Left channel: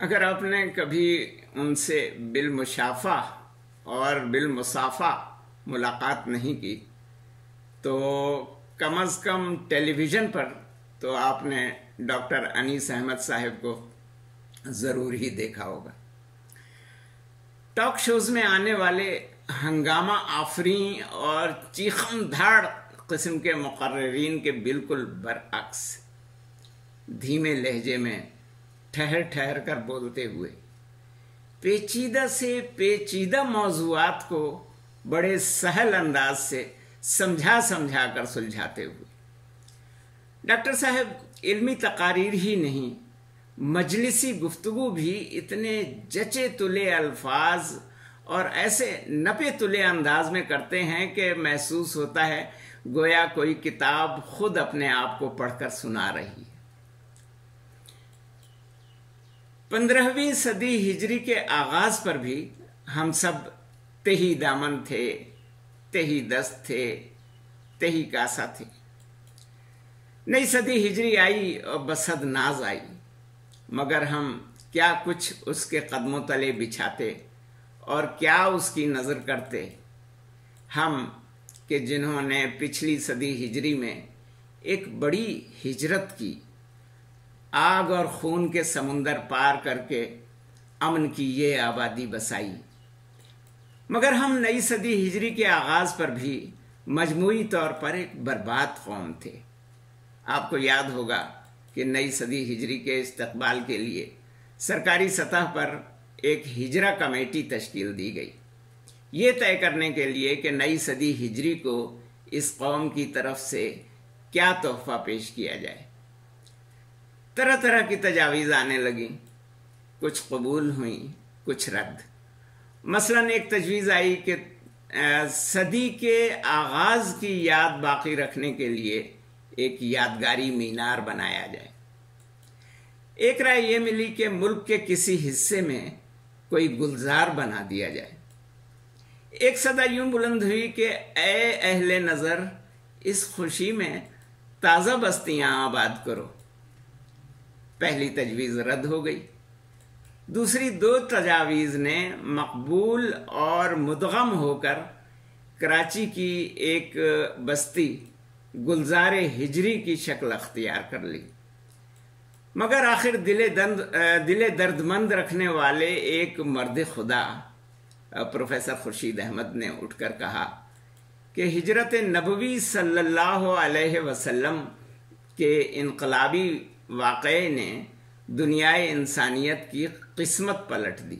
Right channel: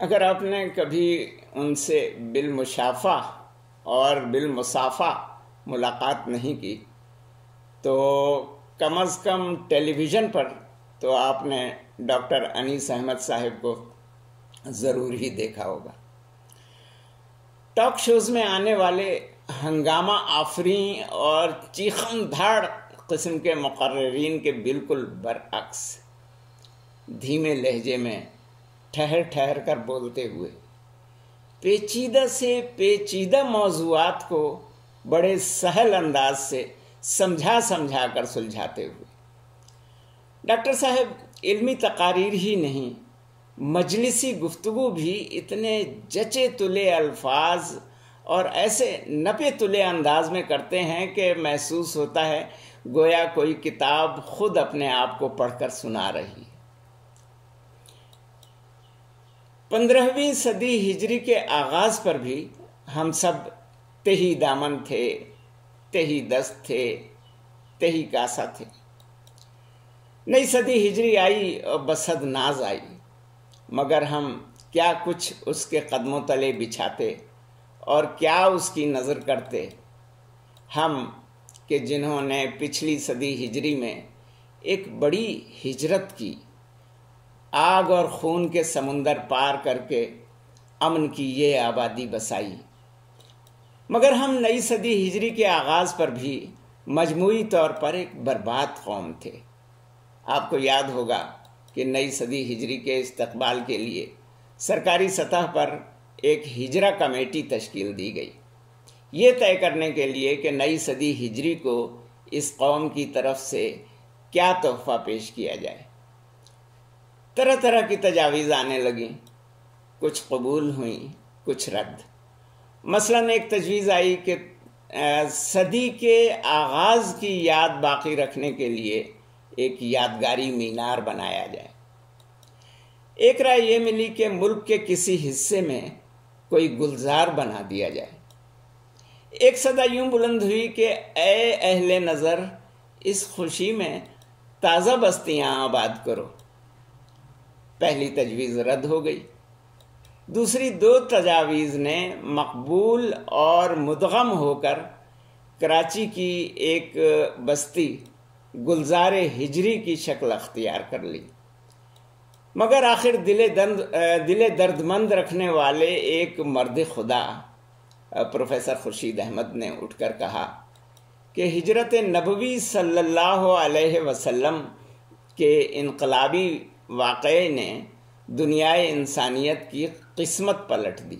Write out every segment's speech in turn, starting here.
اگر آپ نے کبھی ان سے بالمشافہ اور بالمصافہ ملاقات نہیں کی تو کم از کم ٹیلی ویژن پر تو آپ نے ڈاکٹر انیس احمد صاحب کو ضرور ہی دیکھا ہوگا۔ ٹاک شوز میں آنے والے ہنگامہ آفریں اور چیخم دھاڑ قسم کے مقررین کے بالکل برعکس دھیمے لہجے میں ٹھہر ٹھہر کر بولتے ہوئے پیچیدہ سے پیچیدہ موضوعات کو بڑے سہل انداز سے سمجھا کر سلجھاتے ہوئے ڈاکٹر صاحب علمی تقاریر ہی نہیں، مجلسی گفتگو بھی اتنے جچے تلے الفاظ اور ایسے نپے تلے انداز میں کرتے ہیں کہ محسوس ہوتا ہے گویا کوئی کتاب خود اپنے آپ کو پڑھ کر سنا رہی ہے۔ 15ویں صدی ہجری کے آغاز پر بھی ہم سب تہی دامن تھے، تہی دست تھے، تہی کاسا تھے۔ نئی صدی ہجری آئی اور بسد ناز آئی، مگر ہم کیا کچھ اس کے قدموں تلے بچھاتے اور کیا اس کی نظر کرتے، ہم کہ جنہوں نے پچھلی صدی ہجری میں ایک بڑی ہجرت کی، آگ اور خون کے سمندر پار کر کے امن کی یہ آبادی بسائی، مگر ہم نئی صدی ہجری کے آغاز پر بھی مجموعی طور پر ایک برباد قوم تھے۔ آپ کو یاد ہوگا کہ نئی صدی ہجری کے استقبال کے لیے سرکاری سطح پر ایک ہجرہ کمیٹی تشکیل دی گئی، یہ طے کرنے کے لیے کہ نئی صدی ہجری کو اس قوم کی طرف سے کیا تحفہ پیش کیا جائے۔ طرح طرح کی تجاویز آنے لگیں، کچھ قبول ہوئیں، کچھ رد۔ مثلاً ایک تجویز آئی کہ صدی کے آغاز کی یاد باقی رکھنے کے لیے ایک یادگاری مینار بنایا جائے۔ ایک رائے یہ ملی کہ ملک کے کسی حصے میں کوئی گلزار بنا دیا جائے۔ ایک صدا یوں بلند ہوئی کہ اے اہل نظر، اس خوشی میں تازہ بستیاں آباد کرو۔ پہلی تجویز رد ہو گئی۔ دوسری دو تجاویز نے مقبول اور مدغم ہو کر کراچی کی ایک بستی گلزار ہجری کی شکل اختیار کر لی، مگر آخر دل درد مند رکھنے والے ایک مرد خدا پروفیسر خورشید احمد نے اٹھ کر کہا کہ ہجرت نبوی صلی اللہ علیہ وسلم کے انقلابی واقعے نے دنیائے انسانیت کی قسمت پلٹ دی۔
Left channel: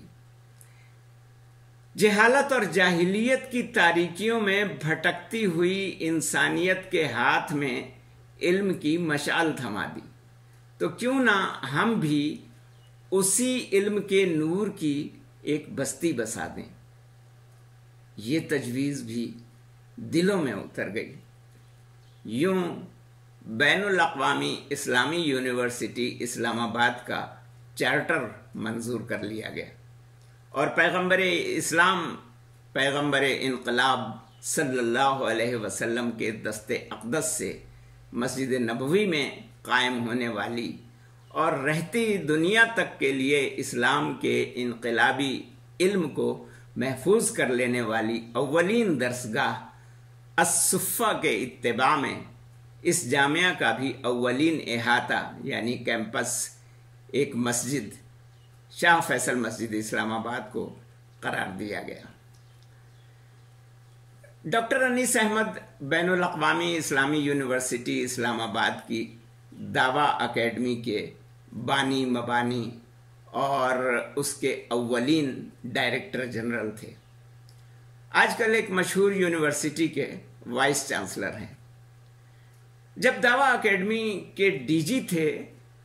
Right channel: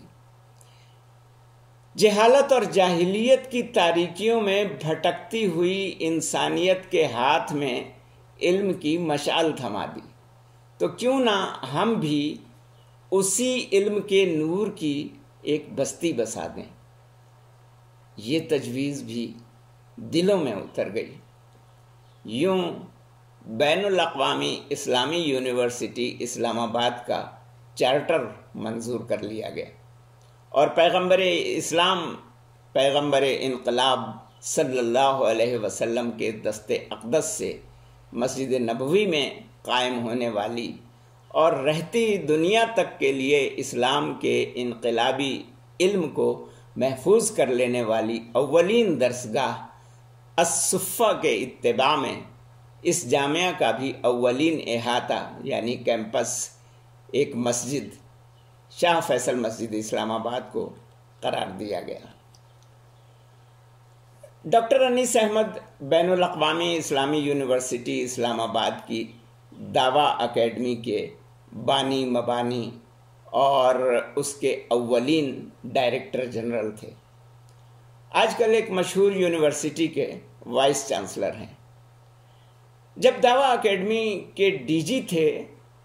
جہالت اور جاہلیت کی تاریکیوں میں بھٹکتی ہوئی انسانیت کے ہاتھ میں علم کی مشعل تھما دی، تو کیوں نہ ہم بھی اسی علم کے نور کی ایک بستی بسا دیں۔ یہ تجویز بھی دلوں میں اتر گئی۔ یوں بین الاقوامی اسلامی یونیورسٹی اسلام آباد کا چارٹر منظور کر لیا گیا اور پیغمبر اسلام، پیغمبر انقلاب صلی اللہ علیہ وسلم کے دست اقدس سے مسجد نبوی میں قائم ہونے والی اور رہتی دنیا تک کے لیے اسلام کے انقلابی علم کو محفوظ کر لینے والی اولین درسگاہ الصفہ کے اتباع میں اس جامعہ کا بھی اولین احاطہ یعنی کیمپس ایک مسجد شاہ فیصل مسجد اسلام آباد کو قرار دیا گیا۔ ڈاکٹر انیس احمد بین الاقوامی اسلامی یونیورسٹی اسلام آباد کی دعویٰ اکیڈمی کے بانی مبانی اور اس کے اولین ڈائریکٹر جنرل تھے۔ آج کل ایک مشہور یونیورسٹی کے وائس چانسلر ہیں۔ جب دعویٰ اکیڈمی کے ڈی جی تھے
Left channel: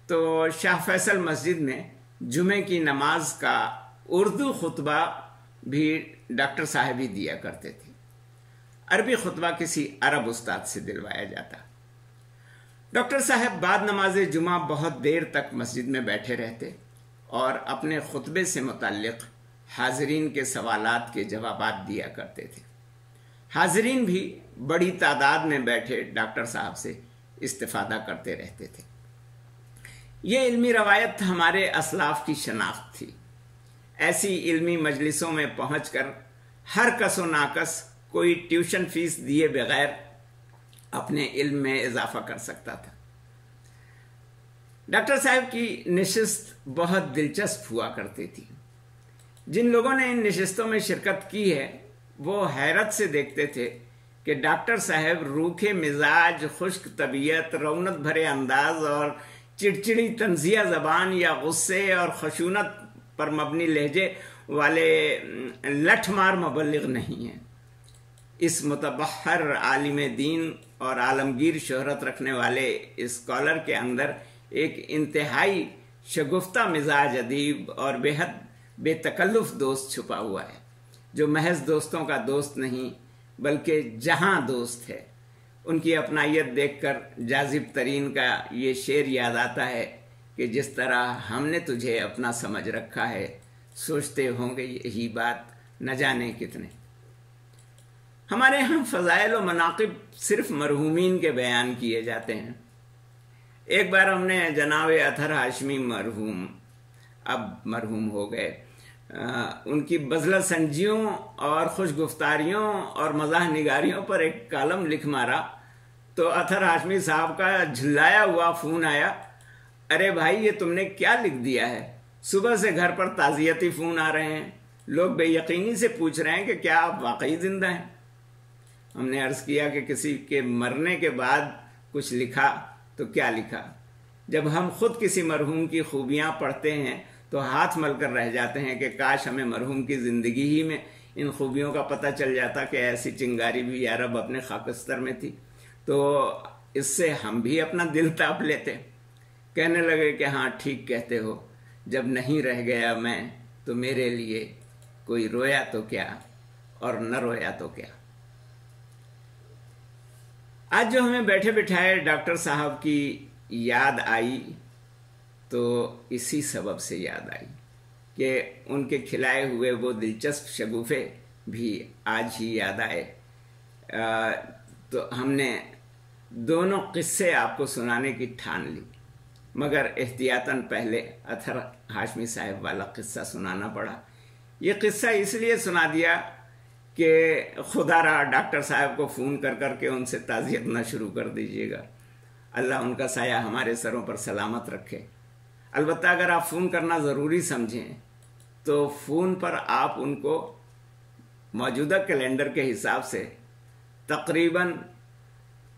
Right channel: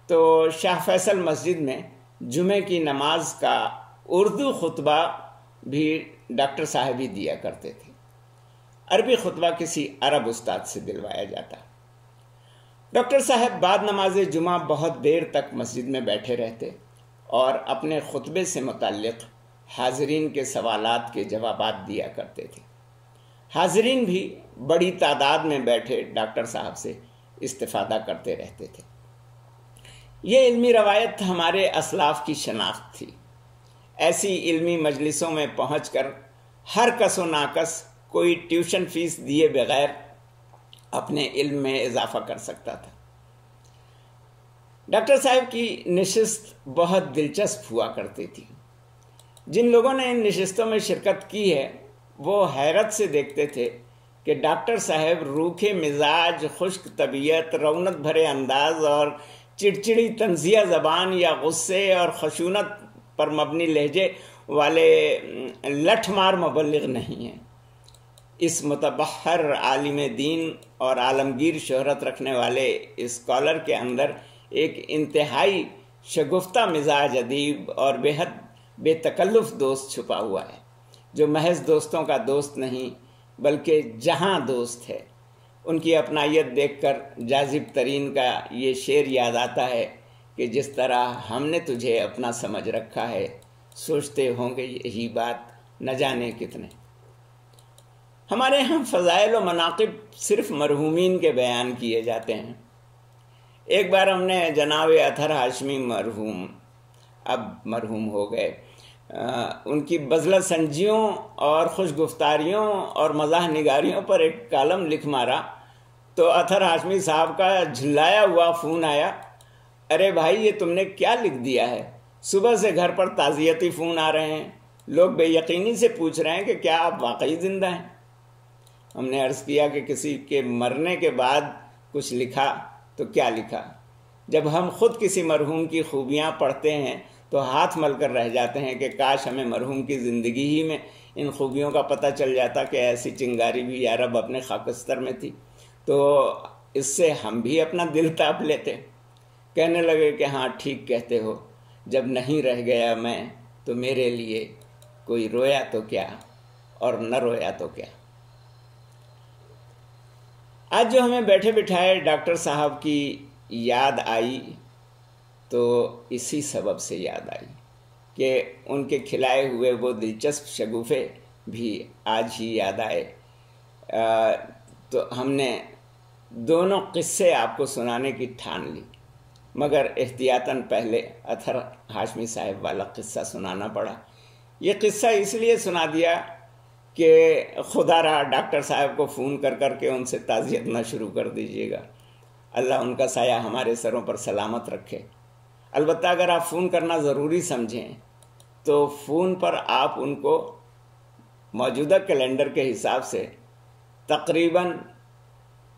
تو شاہ فیصل مسجد میں جمعے کی نماز کا اردو خطبہ بھی ڈاکٹر صاحب ہی دیا کرتے تھے، عربی خطبہ کسی عرب استاد سے دلوایا جاتا۔ ڈاکٹر صاحب بعد نماز جمعہ بہت دیر تک مسجد میں بیٹھے رہتے اور اپنے خطبے سے متعلق حاضرین کے سوالات کے جوابات دیا کرتے تھے۔ حاضرین بھی بڑی تعداد میں بیٹھے ڈاکٹر صاحب سے استفادہ کرتے رہتے تھے۔ یہ علمی روایت ہمارے اسلاف کی شناخت تھی۔ ایسی علمی مجلسوں میں پہنچ کر ہر کس و ناکس کوئی ٹیوشن فیس دیے بغیر اپنے علم میں اضافہ کر سکتا تھا۔ ڈاکٹر صاحب کی نشست بہت دلچسپ ہوا کرتی تھی۔ جن لوگوں نے ان نشستوں میں شرکت کی ہے وہ حیرت سے دیکھتے تھے کہ ڈاکٹر صاحب روکھے مزاج، خشک طبیعت، رونق بھرے انداز اور چڑچڑی طنزیہ زبان یا غصے اور خشونت پر مبنی لہجے والے لٹھ مار مبلغ نہیں ہیں۔ اس متبحر عالم دین اور عالمگیر شہرت رکھنے والے اسکالر کے اندر ایک انتہائی شگفتہ مزاج ادیب اور بے حد بے تکلف دوست چھپا ہوا ہے، جو محض دوستوں کا دوست نہیں بلکہ جہاں دوست ہے۔ ان کی اپنائیت دیکھ کر جاذب ترین کا یہ شعر یاد آتا ہے کہ جس طرح ہم نے تجھے اپنا سمجھ رکھا ہے، سوچتے ہوں گے یہی بات نہ جانے کتنے۔ ہمارے ہاں فضائل و مناقب صرف مرحومین کے بیان کیے جاتے ہیں۔ ایک بار ہم نے جناب اطہر ہاشمی مرحوم، اب مرحوم ہو گئے، ان کی بزلہ سنجیوں اور خوش گفتاریوں اور مزاح نگاریوں پر ایک کالم لکھ مارا تو اطہر ہاشمی صاحب کا جھلایا ہوا فون آیا، ارے بھائی یہ تم نے کیا لکھ دیا ہے؟ صبح سے گھر پر تعزیتی فون آ رہے ہیں، لوگ بے یقینی سے پوچھ رہے ہیں کہ کیا آپ واقعی زندہ ہیں؟ ہم نے عرض کیا کہ کسی کے مرنے کے بعد کچھ لکھا تو کیا لکھا؟ جب ہم خود کسی مرحوم کی خوبیاں پڑھتے ہیں تو ہاتھ مل کر رہ جاتے ہیں کہ کاش ہمیں مرحوم کی زندگی ہی میں ان خوبیوں کا پتہ چل جاتا کہ ایسی چنگاری بھی یا رب اپنے خاکستر میں تھی، تو اس سے ہم بھی اپنا دل تاپ لیتے۔ کہنے لگے کہ ہاں ٹھیک کہتے ہو، جب نہیں رہ گیا میں تو میرے لیے کوئی رویا تو کیا اور نہ رویا تو کیا۔ آج جو ہمیں بیٹھے بٹھائے ڈاکٹر صاحب کی یاد آئی تو اسی سبب سے یاد آئی کہ ان کے کھلائے ہوئے وہ دلچسپ شگوفے بھی آج ہی یاد آئے۔ تو ہم نے دونوں قصے آپ کو سنانے کی ٹھان لی، مگر احتیاطاً پہلے اطہر ہاشمی صاحب والا قصہ سنانا پڑا۔ یہ قصہ اس لیے سنا دیا کہ خدا رہا ڈاکٹر صاحب کو فون کر کر کے ان سے تعزیت نہ شروع کر دیجیے گا۔ اللہ ان کا سایہ ہمارے سروں پر سلامت رکھے۔ البتہ اگر آپ فون کرنا ضروری سمجھیں تو فون پر آپ ان کو موجودہ کیلنڈر کے حساب سے تقریباً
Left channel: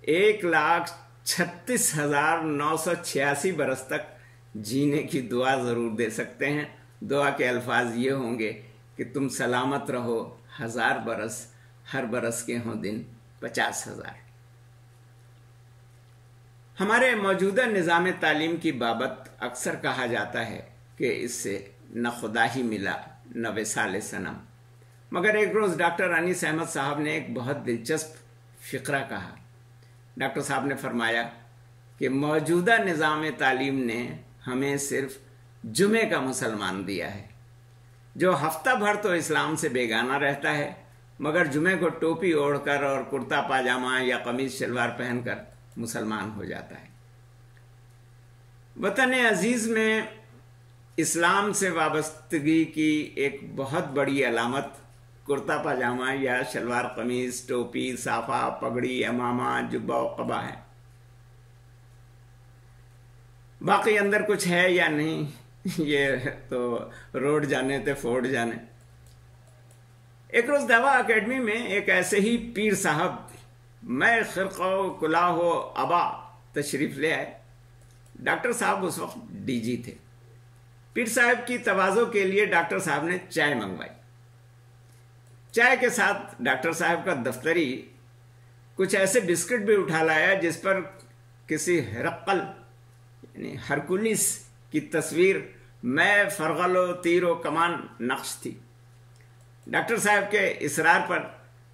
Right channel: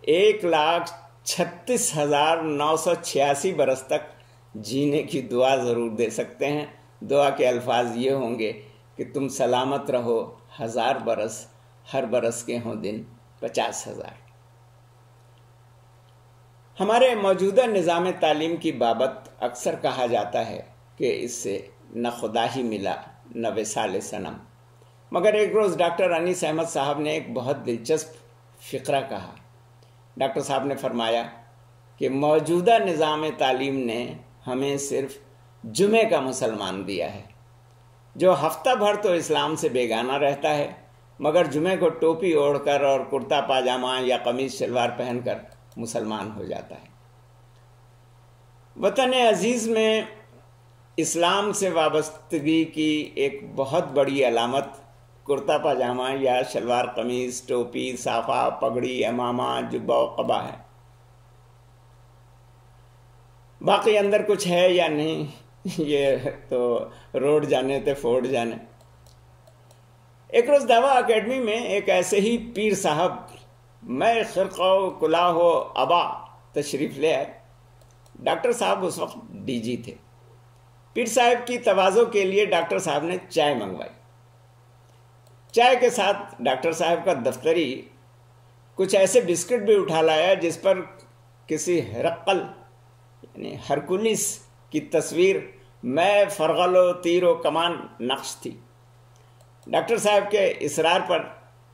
1,36,986 برس تک جینے کی دعا ضرور دے سکتے ہیں۔ دعا کے الفاظ یہ ہوں گے کہ تم سلامت رہو 1000 برس، ہر برس کے ہوں دن 50,000۔ ہمارے موجودہ نظام تعلیم کی بابت اکثر کہا جاتا ہے کہ اس سے نہ خدا ہی ملا نہ وصال صنم، مگر ایک روز ڈاکٹر انیس احمد صاحب نے ایک بہت دلچسپ فقرہ کہا۔ ڈاکٹر صاحب نے فرمایا کہ موجودہ نظام تعلیم نے ہمیں صرف جمعے کا مسلمان دیا ہے، جو ہفتہ بھر تو اسلام سے بیگانہ رہتا ہے مگر جمعے کو ٹوپی اوڑھ کر اور کرتا پاجامہ یا قمیض شلوار پہن کر مسلمان ہو جاتا ہے۔ وطن عزیز میں اسلام سے وابستگی کی ایک بہت بڑی علامت کرتا پاجامہ یا شلوار قمیض، ٹوپی، صافہ، پگڑی، امامہ، جبہ و قبا ہے۔ باقی اندر کچھ ہے یا نہیں یہ تو روڈ جانے تے فوڈ جانے۔ ایک روز دعویٰ اکیڈمی میں ایک ایسے ہی پیر صاحب میں خرقہ و کلاه و عبا تشریف لے آئے۔ ڈاکٹر صاحب اس وقت ڈی جی تھے۔ پیر صاحب کی تواضع کے لیے ڈاکٹر صاحب نے چائے منگوائی۔ چائے کے ساتھ ڈاکٹر صاحب کا دفتری کچھ ایسے بسکٹ بھی اٹھا لایا جس پر کسی ہرقل یعنی ہرکولس کی تصویر میں فرغل و تیر و کمان نقش تھی۔ ڈاکٹر صاحب کے اصرار پر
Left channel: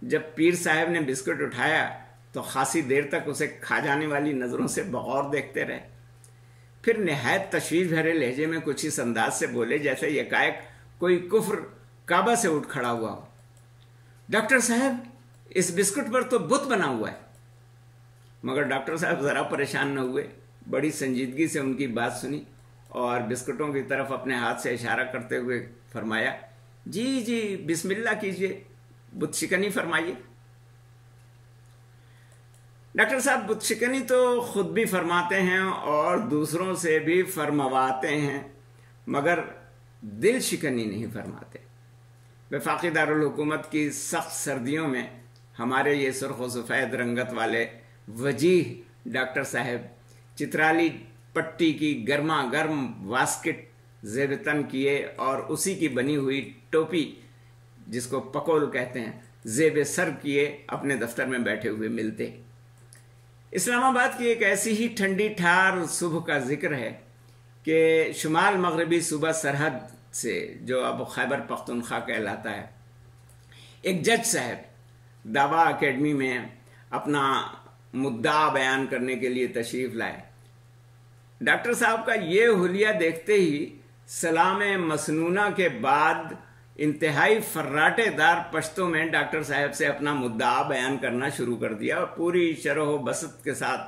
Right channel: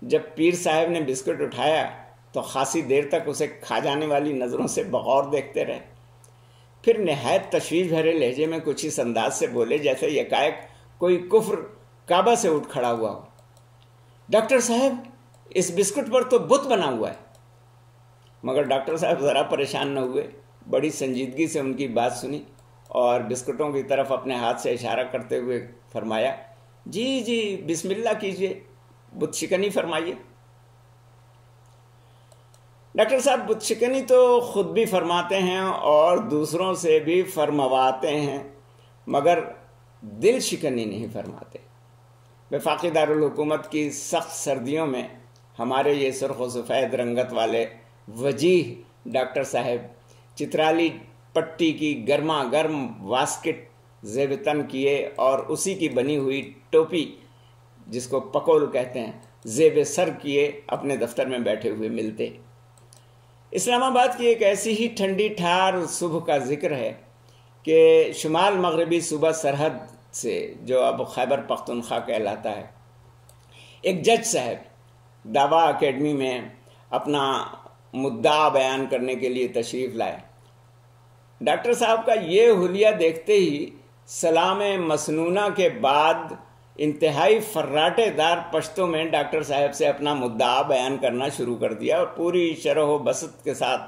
جب پیر صاحب نے بسکٹ اٹھایا تو خاصی دیر تک اسے کھا جانے والی نظروں سے بغور دیکھتے رہے، پھر نہایت تشویش بھرے لہجے میں کچھ اس انداز سے بولے جیسے یکایک کوئی کفر کعبہ سے اٹھ کھڑا ہوا ہو، ڈاکٹر صاحب اس بسکٹ پر تو بت بنا ہوا ہے۔ مگر ڈاکٹر صاحب ذرا پریشان نہ ہوئے، بڑی سنجیدگی سے ان کی بات سنی اور بسکٹوں کی طرف اپنے ہاتھ سے اشارہ کرتے ہوئے فرمایا، جی جی بسم اللہ کیجئے، بت شکنی فرمائیے۔ ڈاکٹر صاحب بت شکنی تو خود بھی فرماتے ہیں اور دوسروں سے بھی فرمواتے ہیں، مگر دل شکنی نہیں فرماتے۔ وفاقی دارالحکومت کی سخت سردیوں میں ہمارے یہ سرخ و سفید رنگت والے وجیح ڈاکٹر صاحب چترالی پٹی کی گرما گرم واسکٹ زیب تن کیے اور اسی کی بنی ہوئی ٹوپی جس کو پکول کہتے ہیں زیب سر کیے اپنے دفتر میں بیٹھے ہوئے ملتے۔ اسلام آباد کی ایک ایسی ہی ٹھنڈی ٹھار صبح کا ذکر ہے کہ شمال مغربی صوبہ سرحد سے جو اب خیبر پختونخوا کہلاتا ہے، ایک جج صاحب دعویٰ اکیڈمی میں اپنا مدعا بیان کرنے کے لیے تشریف لائے۔ ڈاکٹر صاحب کا یہ حلیہ دیکھتے ہی سلام مسنونہ کے بعد انتہائی فراٹے دار پشتوں میں ڈاکٹر صاحب سے اپنا مدعا بیان کرنا شروع کر دیا اور پوری شرح و بسط کے ساتھ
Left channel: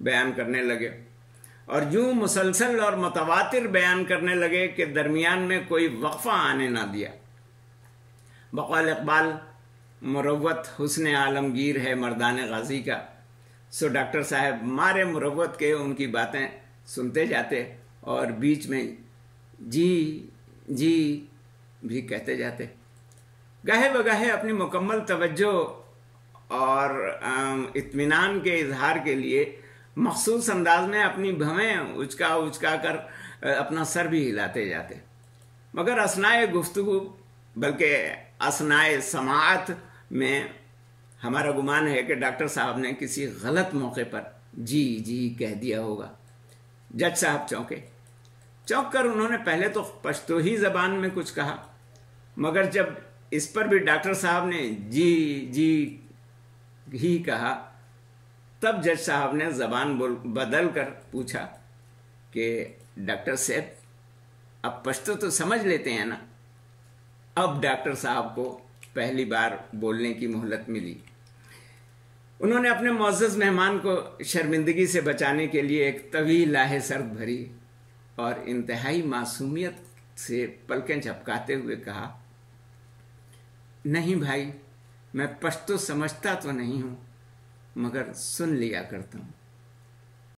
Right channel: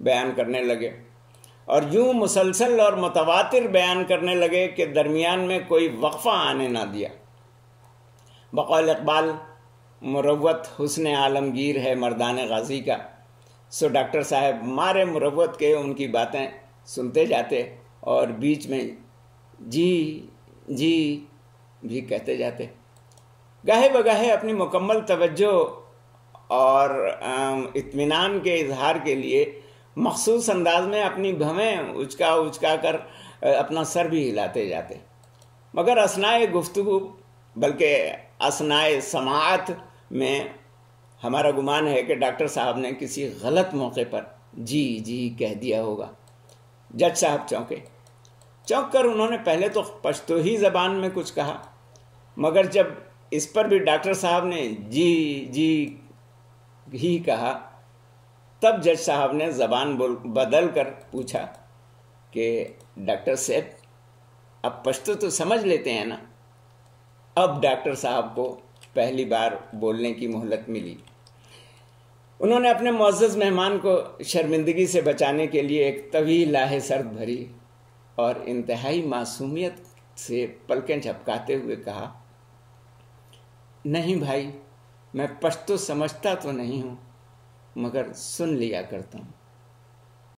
بیان کرنے لگے، اور یوں مسلسل اور متواتر بیان کرنے لگے کہ درمیان میں کوئی وقفہ آنے نہ دیا۔ بقول اقبال، مروت حسن عالمگیر ہے مردان غازی کا، سو ڈاکٹر صاحب مارے مروت کے ان کی باتیں سنتے جاتے اور بیچ میں جی جی بھی کہتے جاتے۔ گاہے بگاہے اپنی مکمل توجہ اور اطمینان کے اظہار کے لیے مخصوص انداز میں اپنی بھویں اچکا کر اپنا سر بھی ہلاتے جاتے، مگر اثنائے گفتگو بلکہ اثنائے سماعت میں ہمارا گمان ہے کہ ڈاکٹر صاحب نے کسی غلط موقع پر جی جی کہہ دیا ہوگا۔ جج صاحب چونک کر انہوں نے پہلے تو پشتو ہی زبان میں کچھ کہا، مگر جب اس پر بھی ڈاکٹر صاحب نے جی جی ہی کہا تب جج صاحب نے زبان بدل کر پوچھا کہ ڈاکٹر صاحب اب پشتو تو سمجھ لیتے ہیں نا؟ اب ڈاکٹر صاحب کو پہلی بار بولنے کی مہلت ملی۔ انہوں نے اپنے معزز مہمان کو شرمندگی سے بچانے کے لیے ایک طویل آہ سرد بھری اور انتہائی معصومیت سے پلکیں جھپکاتے ہوئے کہا، نہیں بھائی، میں پشتو سمجھتا تو نہیں ہوں مگر سن لیا کرتا ہوں۔